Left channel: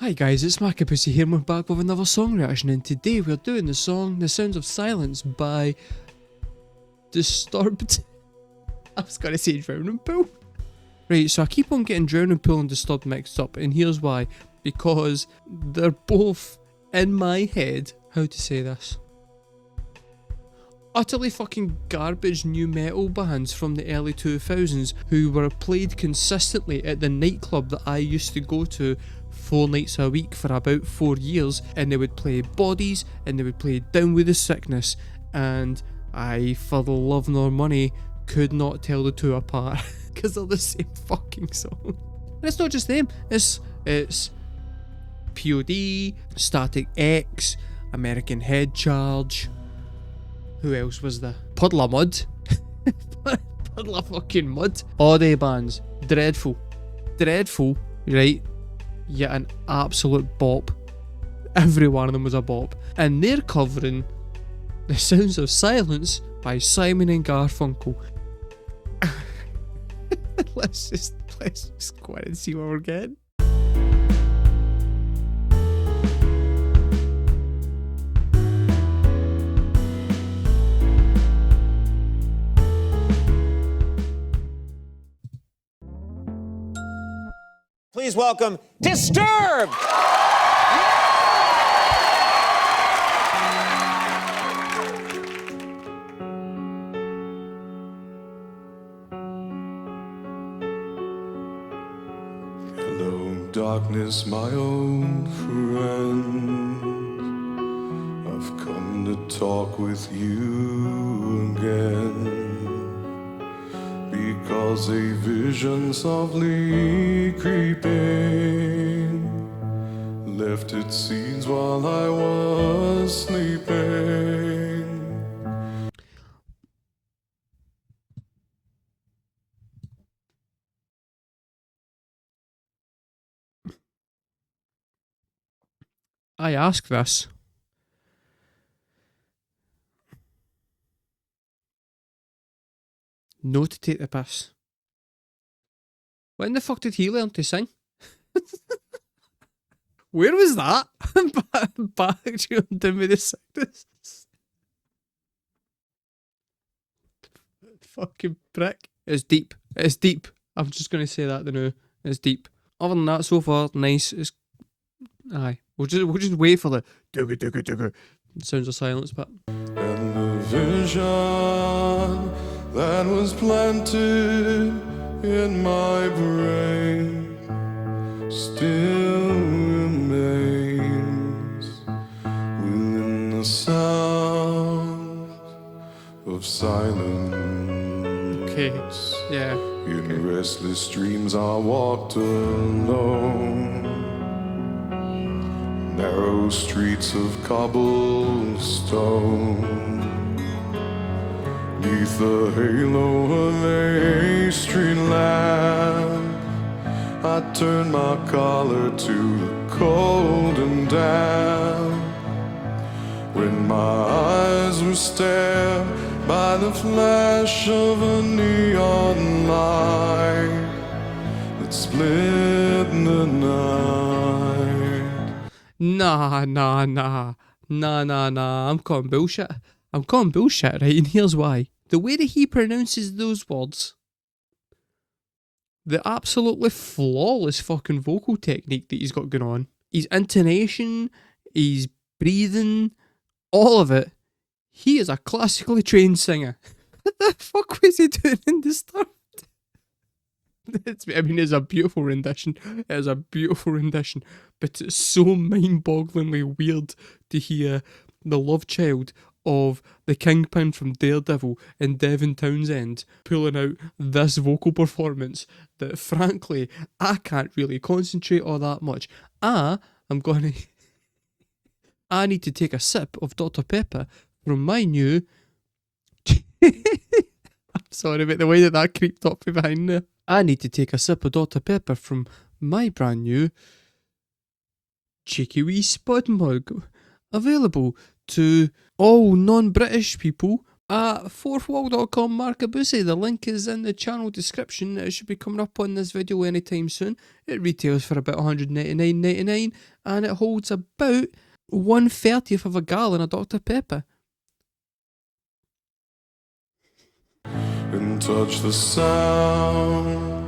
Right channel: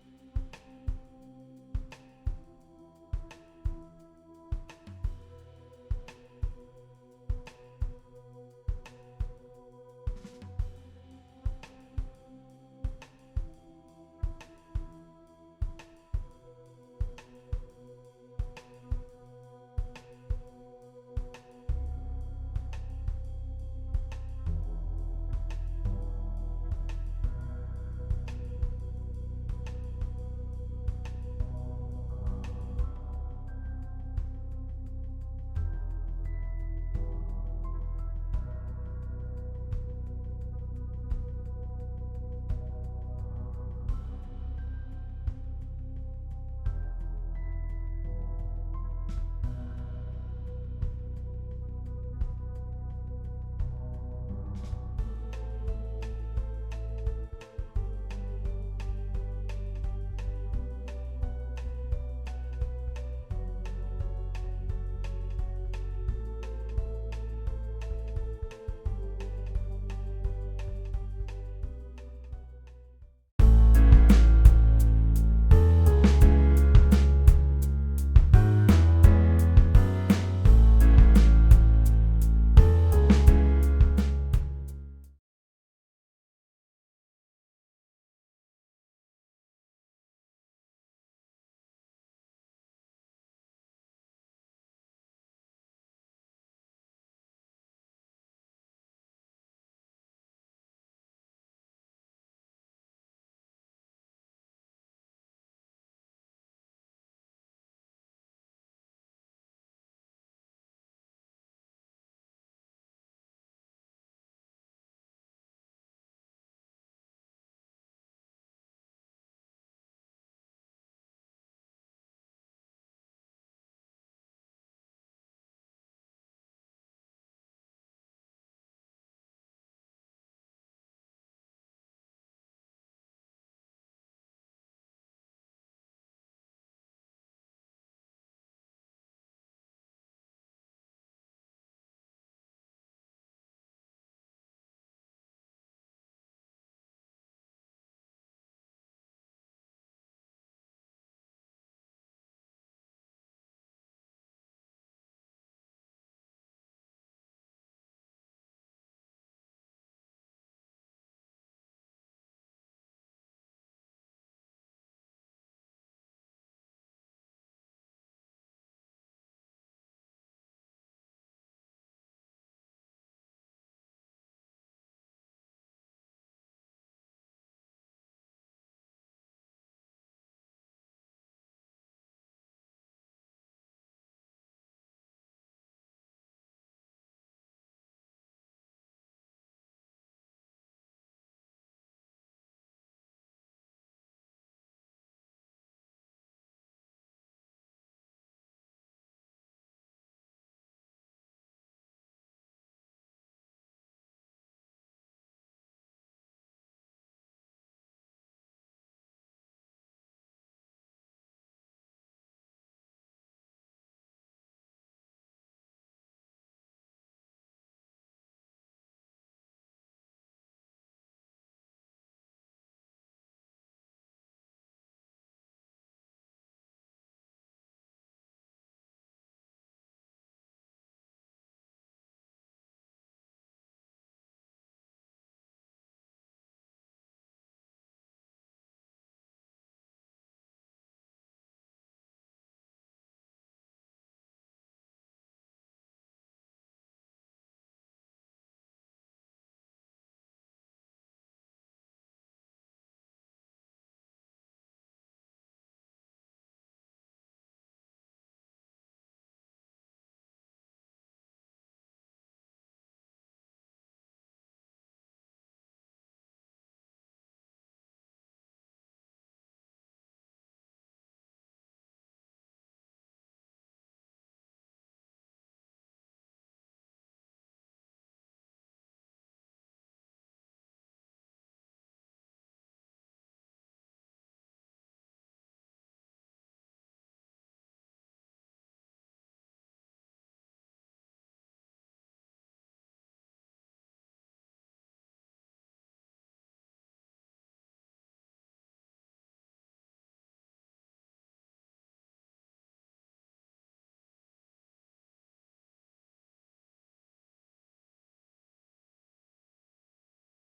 Hi guys, it's markabusi here and we're back with another song reaction, and today we're doing the song The Sounds of Silence by Disturbed. I was gonna say Drowning Pool. Right, so I keep on getting Drowning Pool and Disturbed mixed up, and here's why. Because they're both in my head, how to say this, utterly fucking garbage new metal bands from the early 2000s who were played consistently at the nightclub that I used to go to 4 nights a week for about 4 years, and they would play Bodies and they would play Down With The Sickness, and I, for the love nor money, could not tell the two apart because they're the same fucking song. And it's not just them, it's POD, Static X, American Head Charge. Who else was there? Puddle of Mud. Puddle of fucking Mud. All day bands. Dreadful. Dreadful, right? Yet an absolute bop. Every one of them was a bop. And they're covering The Sounds of Silence by Simon and Garfunkel. let's just go ahead and see what we're getting. Please welcome Disturbed! Hello, darkness, my old friend. I've come to talk with you again. Because a vision softly creeping left its seeds while I was sleeping. I ask this. No to take the piss. When the fuck did he learn to sing? Where was that? back to Down With The Sickness. Fucking prick. It's deep. It's deep. I'm just gonna say that now. It's deep. Other than that, so far, nice. It's aye. We'll just wait for the digga. Sounds of Silence, but And the vision that was planted in my brain still remains within the sound of silence. okay. Yeah. In restless dreams I walked alone, narrow streets of cobblestone, neath the halo of a street lamp. I turned my collar to the cold and damp, when my eyes were stared by the flash of a neon light that split the night. Nah. I'm calling bullshit. Right? And here's why. The way that he pronounces those words, the absolutely flawless fucking vocal technique that he's got going on, his intonation, his breathing, all of it. He is a classically trained singer. What the fuck was he doing in Disturbed? It's a beautiful rendition. It is a beautiful rendition, but it's so mind-bogglingly weird to hear the love child of the Kingpin from Daredevil and Devin Townsend pulling out this vocal performance that, frankly, I can't really concentrate all that much. I need to take a sip of Dr. Pepper from my new... I'm sorry about the way that creeped up behind there. I need to take a sip of Dr. Pepper from my brand new cheeky wee spud mug, available to all non-British people at fourthwall.com markabusi. The link is in the channel description. It should be coming up on this video anytime soon. It retails for about $199.99 and it holds about 1/30th of a gallon of Dr. Pepper. And touch the sound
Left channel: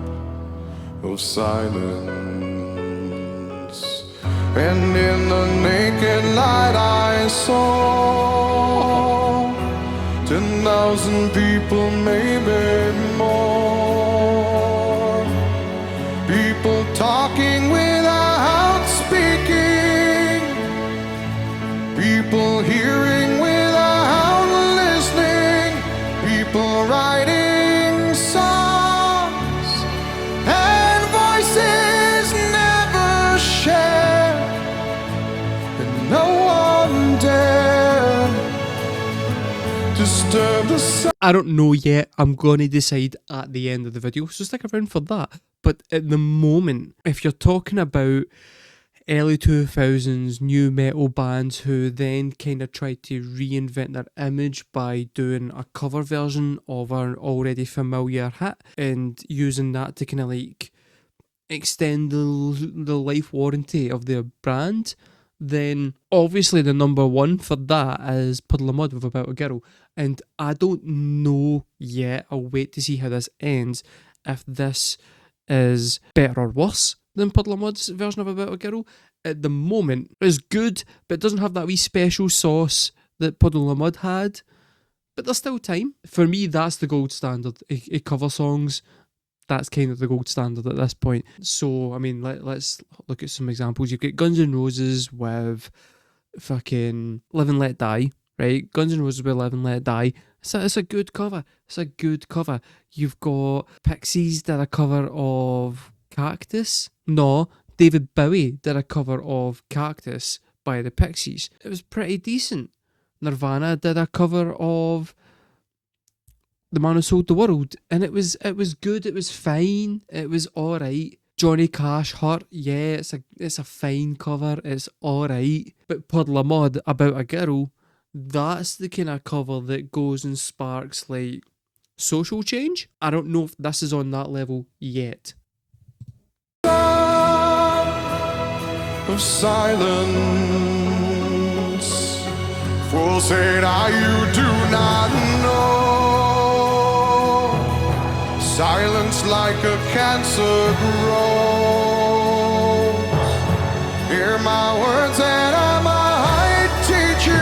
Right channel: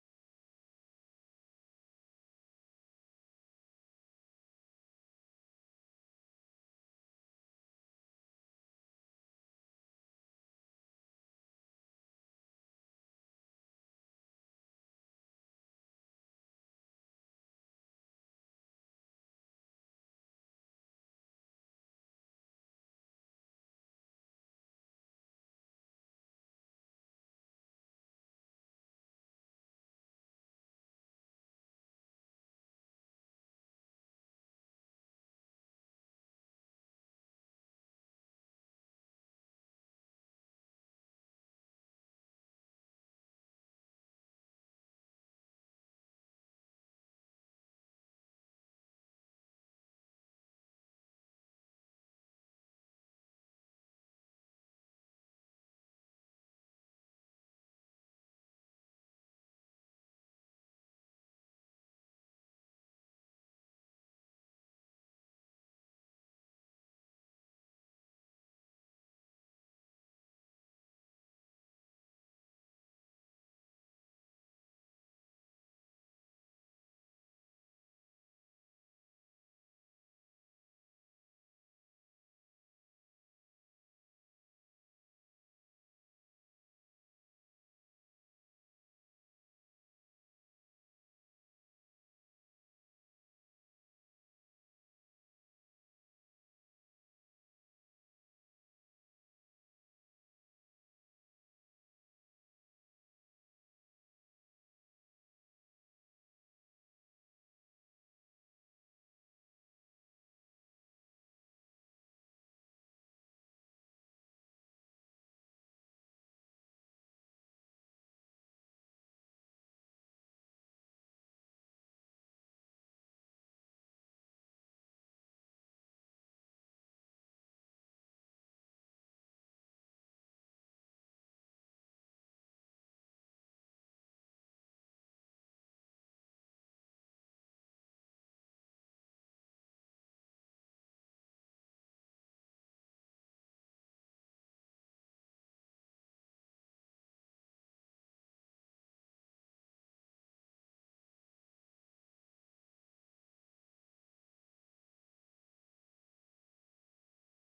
of silence. And in the naked light I saw 10,000 people, maybe more. People talking without speaking. People hearing without listening. People writing songs and voices never shared, and no one dared disturb the sound. I don't know yet. I'm going to decide at the end of the video, so stick around for that. But at the moment, if you're talking about early 2000s new metal bands who then kind of tried to reinvent their image by doing a cover version of an already familiar hit and using that to kind of like extend the life warranty of their brand, then obviously the number one for that is Puddle of Mud with About a Girl. And I don't know yet, I'll wait to see how this ends, if this is better or worse than Puddle of Mud's version of About a Girl. At the moment, it's good, but it doesn't have that wee special sauce that Puddle of Mud had. But there's still time. For me, that's the gold standard. Cover songs, that's kind of the gold standard at this point. So, I mean, let's look at some examples. You've got Guns N' Roses with fucking Live and Let Die, right? Guns N' Roses with Live and Let Die. It's a good cover. It's a good cover. You've got Pixies did a cover of Cactus. No, David Bowie did a cover of Cactus by the Pixies. It was pretty decent. Nirvana did a cover of The Man Who Sold the World, and it was good. It was fine. It was all right. Johnny Cash, Hurt, yeah, it's a fine cover. It's all right. But Puddle of Mud, About a Girl, that's the kind of cover that goes and sparks like social change. I don't know if this is on that level yet. Of silence, fools say that you do not know. Silence like a cancer grows. Hear my words and I might teach you.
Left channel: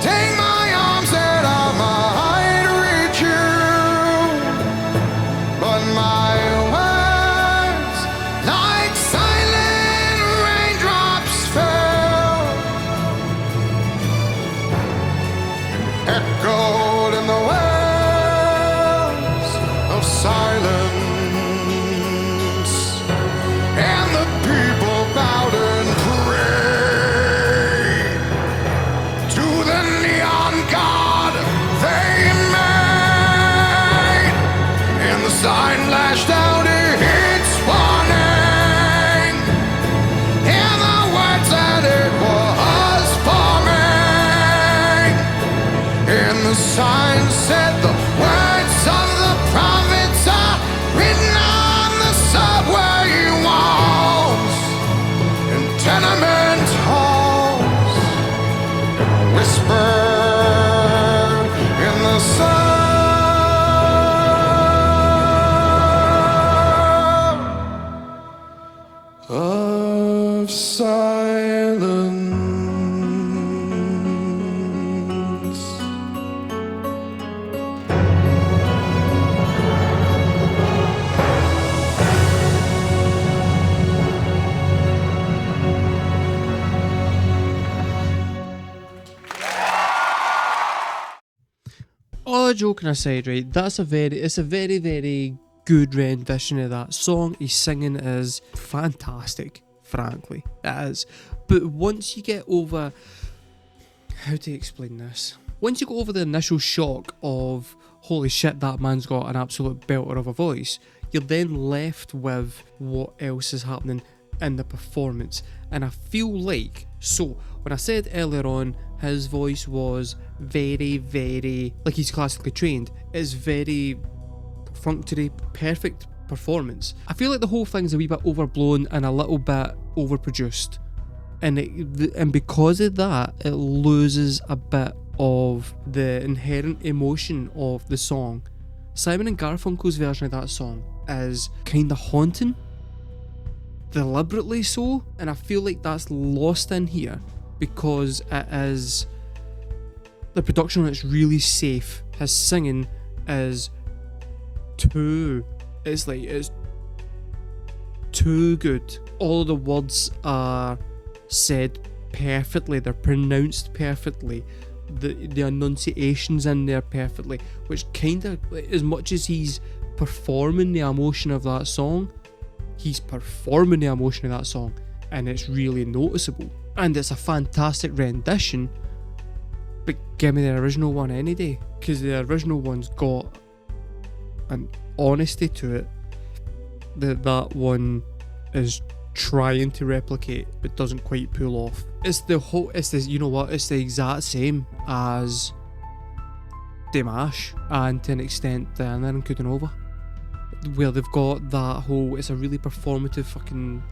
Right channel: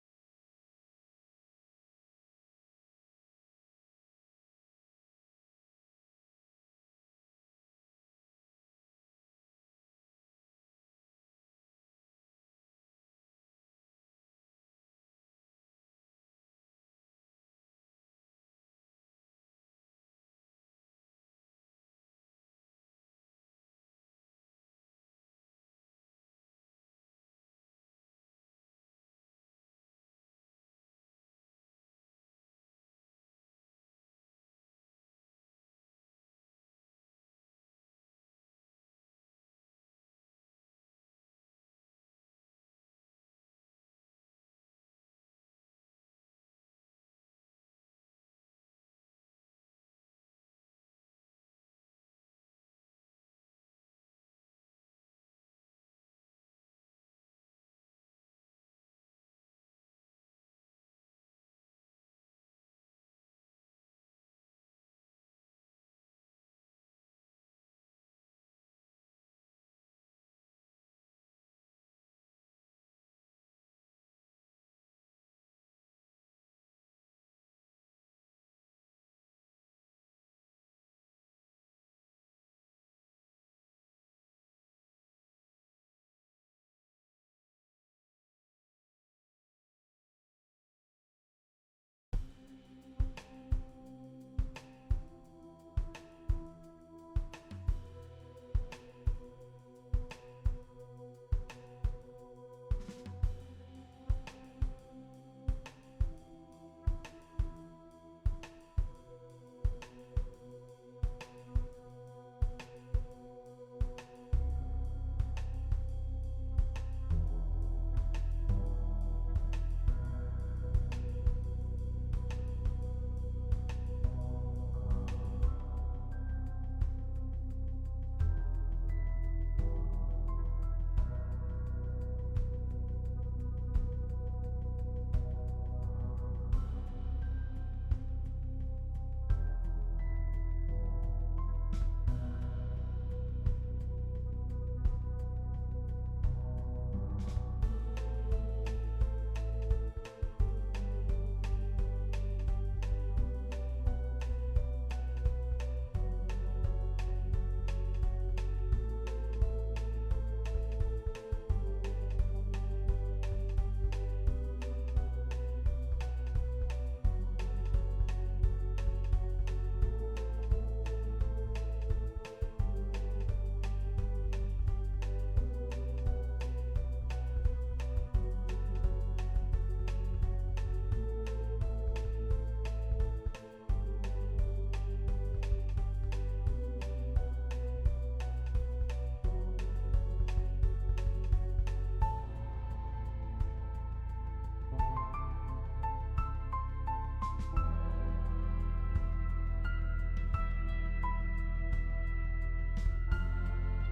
Take my arms and I might reach you. But my words, like silent raindrops, fell and echoed in the wells of silence. And the people bowed and prayed to the neon god they made. And the sign lashed out its warning, and the words that it was forming. And the sign said the words of the prophets are written on the subway walls and tenement halls, and whispered in the sound of silence. All joking aside, right, it's a very, very good rendition of that song. His singing is fantastic, frankly, it is. But once you get over, how to explain this? Once you go over the initial shock of, holy shit, that man's got an absolute belter of a voice, you're then left with what else is happening in the performance. And I feel like, so when I said earlier on his voice was very, very, like he's classically trained, it's very perfunctory, perfect performance. I feel like the whole thing's a wee bit overblown and a little bit overproduced, and because of that, it loses a bit of the inherent emotion of the song. Simon and Garfunkel's version of that song is kind of haunting, deliberately so, and I feel like that's lost in here because it is, the production on it's really safe. His singing is it's too good. All of the words are said perfectly, they're pronounced perfectly, the enunciations in there perfectly, which kind of, as much as he's performing the emotion of that song, he's performing the emotion of that song, and it's really noticeable, and it's a fantastic rendition. But give me the original one any day, because the original one's got an honesty to it that one is trying to replicate but doesn't quite pull off. It's you know what, it's the exact same as Dimash, and to an extent Diana and Kudanova, where they've got that whole, it's a really performative fucking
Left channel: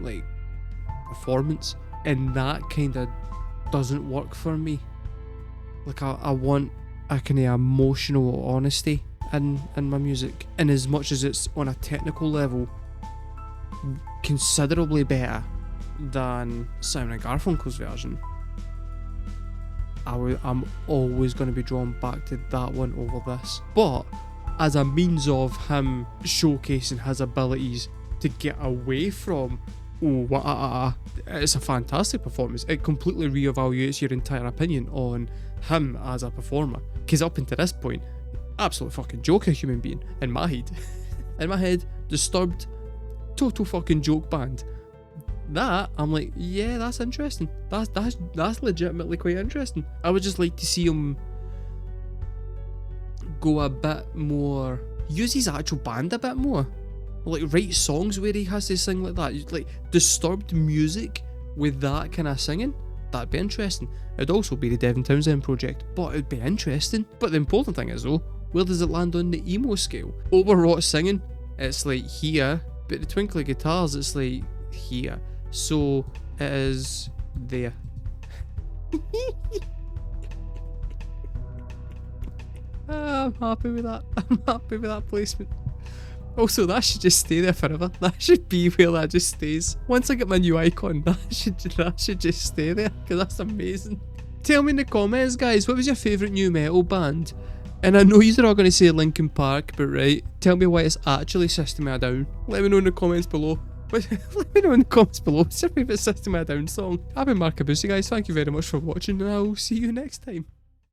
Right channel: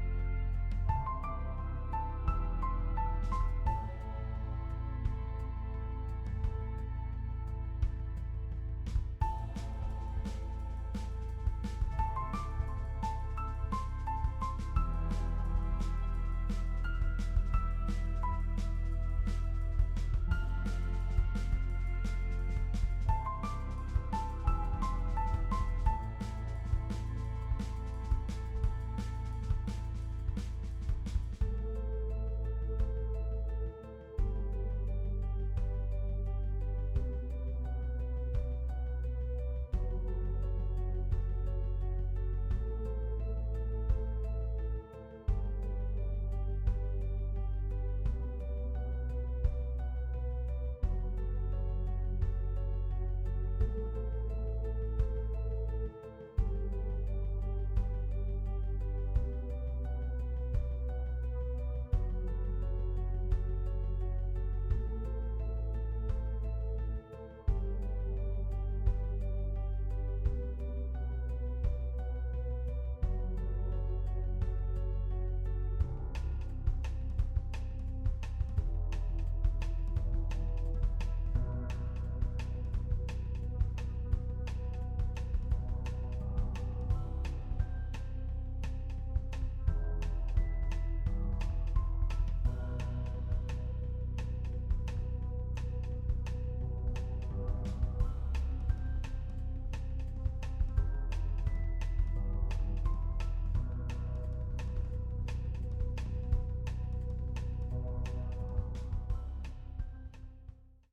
like performance, and that kind of doesn't work for me. Like I want a kind of emotional honesty in my music, and as much as it's on a technical level considerably better than Simon and Garfunkel's version, I'm always going to be drawn back to that one over this. But as a means of him showcasing his abilities to get away from it's a fantastic performance. It completely reevaluates your entire opinion on him as a performer, because up until this point, absolute fucking joke, a human being in my head. In my head, Disturbed, total fucking joke band. That, I'm like, yeah, that's interesting. That's legitimately quite interesting. I would just like to see him go a bit more, use his actual band a bit more, like write songs where he has to sing like that, like Disturbed music with that kind of singing. That'd be interesting. It'd also be the Devin Townsend project, but it'd be interesting. But the important thing is though, where does it land on the emo scale? Overwrought singing, it's like here, but the twinkly guitars, it's like here. So it is there. I'm happy with that. I'm happy with that placement. Also, that should just stay there forever. That should be where that just stays. Once I get my new icon, that should just stay there, because that's amazing. Tell me in the comments, guys, what was your favourite new metal band? And I know you're all going to say Linkin Park, but right, tell me why it's actually System of a Down. Let me know in the comments below. Let me know in the comments below. What's your favourite System of a Down song? I've been markabusi, guys. Thank you very much for watching, and I will see you next time.